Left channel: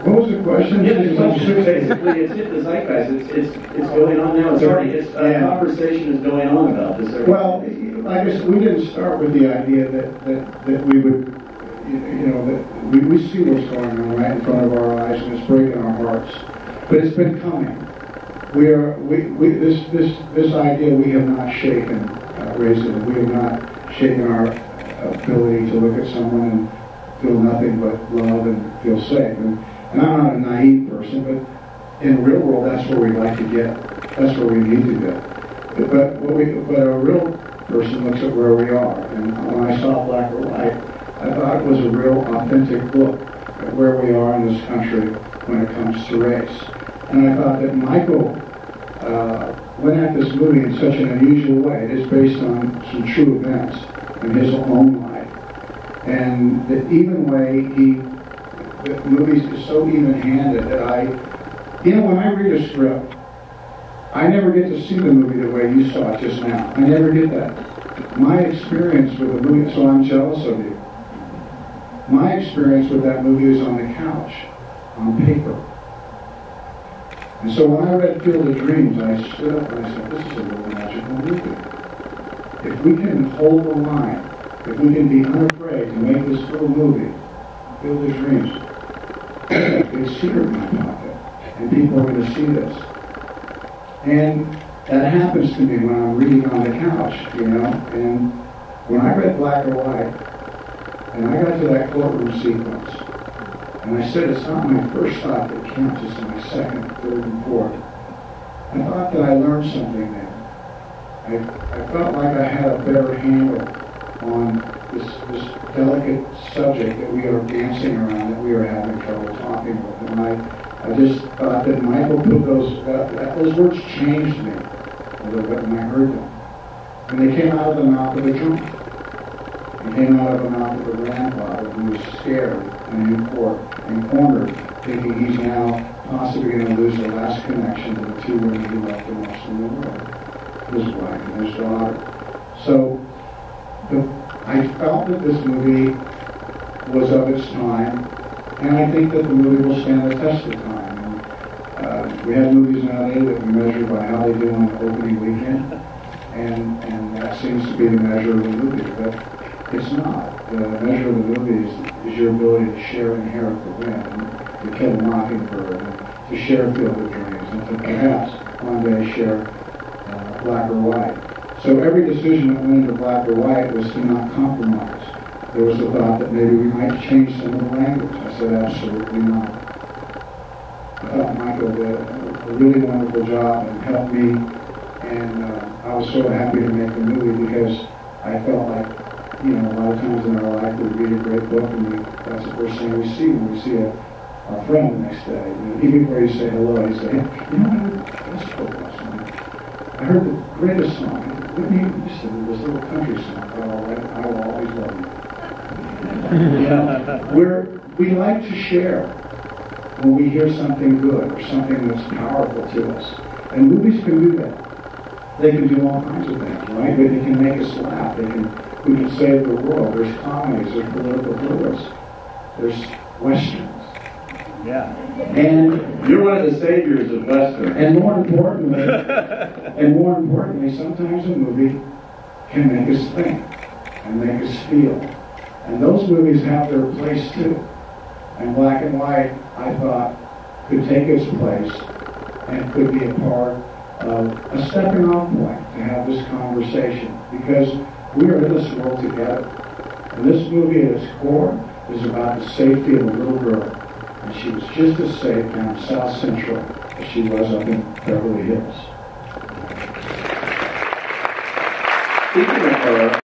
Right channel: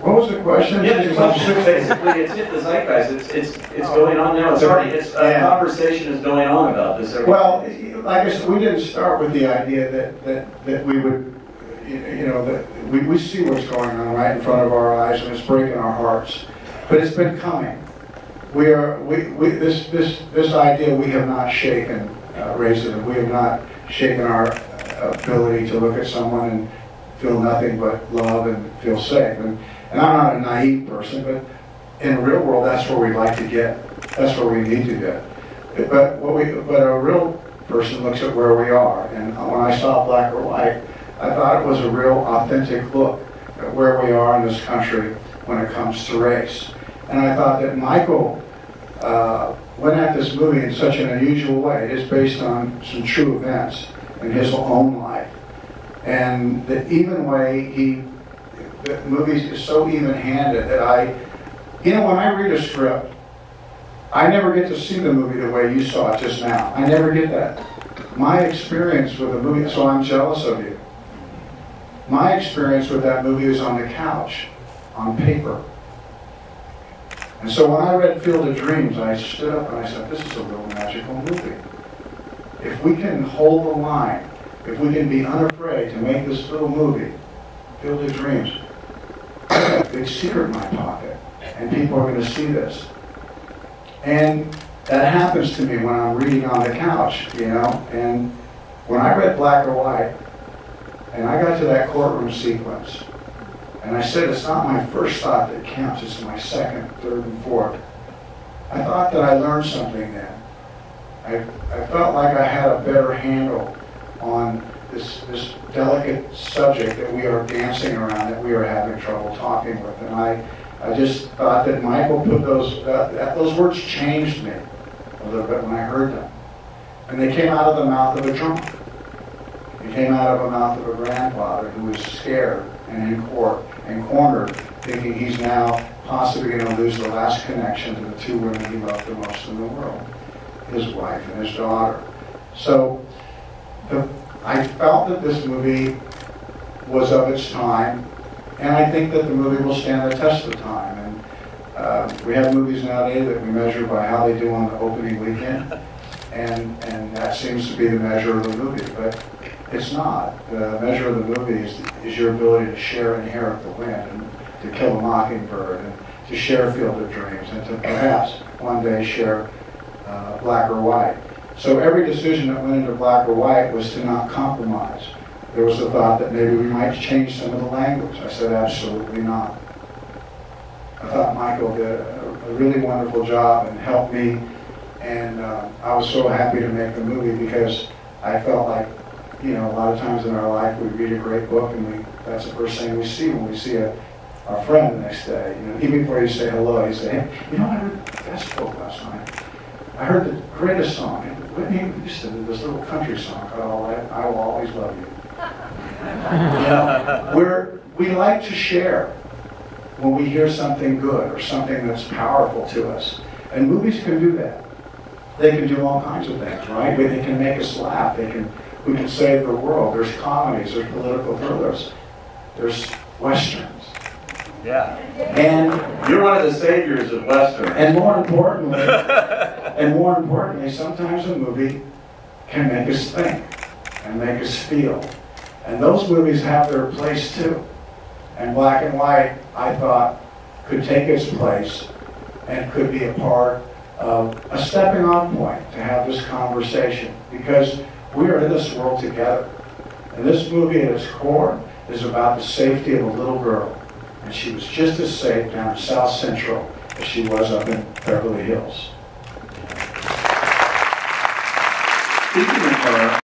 What was the question? Yeah, the question is basically it's hit the zeitgeist. It's going on now. It's already a conversation is going on about this. Well, like I said, we didn't start with the idea that we would, that we see what's going on right in front of our eyes and it's breaking our hearts. But it's been coming. This idea we have not shaken, racism. We have not shaken our ability to look at someone and feel nothing but love and feel safe. And I'm not a naive person, but in the real world, that's where we'd like to get. That's where we need to get. But a real person looks at where we are. And when I saw Black or White, I thought it was a real authentic look at where we are in this country when it comes to race. And I thought that Michael went at this movie in such an unusual way. It is based on some true events in his own life. And the even way the movie is so even-handed that when I read a script, I never get to see the movie the way you saw it just now. I never get that. My experience with the movie, so I'm jealous of you. My experience with that movie is on the couch, on paper. And so when I read Field of Dreams, I stood up and I said, this is a real magical movie. If we can hold the line, if we can be unafraid to make this little movie, Field of Dreams, I have a big secret in my pocket, and people are going to see this. And that happens to me when I'm reading on the couch, and when I read Black or White, and I got to that courtroom sequence, and I said, it's not my first thought that counts, it's my second, third, and fourth. I thought that I learned something then. I felt like I had a better handle on this delicate subject that we are dancing around, that we are having trouble talking with. And I just thought that Michael put those words changed me a little bit when I heard them. And they came out of the mouth of a drunk. They came out of the mouth of a grandfather who was scared and in court and cornered, thinking he's now possibly going to lose the last connection to the two women he loved the most in the world, his wife and his daughter. So I felt that this movie was of its time, and I think that the movie will stand the test of time. And we have movies nowadays that we measure by how they do on the opening weekend, and that seems to be the measure of the movie. But it's not. The measure of the movie is your ability to share Inherit the Wind, and to Kill a Mockingbird, and to share Field of Dreams, and to perhaps one day share Black or White. So every decision that went into Black or White was to not compromise. There was a thought that maybe we might change some of the language. I said, absolutely not. I thought Michael did a really wonderful job and helped me, and I was so happy to make the movie because I felt like, a lot of times in our life we read a great book and that's the first thing we see when we see our friend the next day. Even before you say hello, you say, hey, I heard the best book last night. I heard the greatest song. Whitney Houston, this little country song called I Will Always Love You. We like to share when we hear something good or something that's powerful to us. And movies can do that. They can do all kinds of things, right? They can make us laugh. We can save the world. There's comedies, there's political thrillers, there's westerns. Yeah. And you're one of the saviors of Western. And more importantly, sometimes a movie can make us think and make us feel. And those movies have their place too. And Black and White, I thought, could take its place and could be a part of a stepping off point to have this conversation, because we are in this world together. And this movie at its core is about the safety of a little girl. And she was just as safe down in South Central as she was up in Beverly Hills. Speaking of her,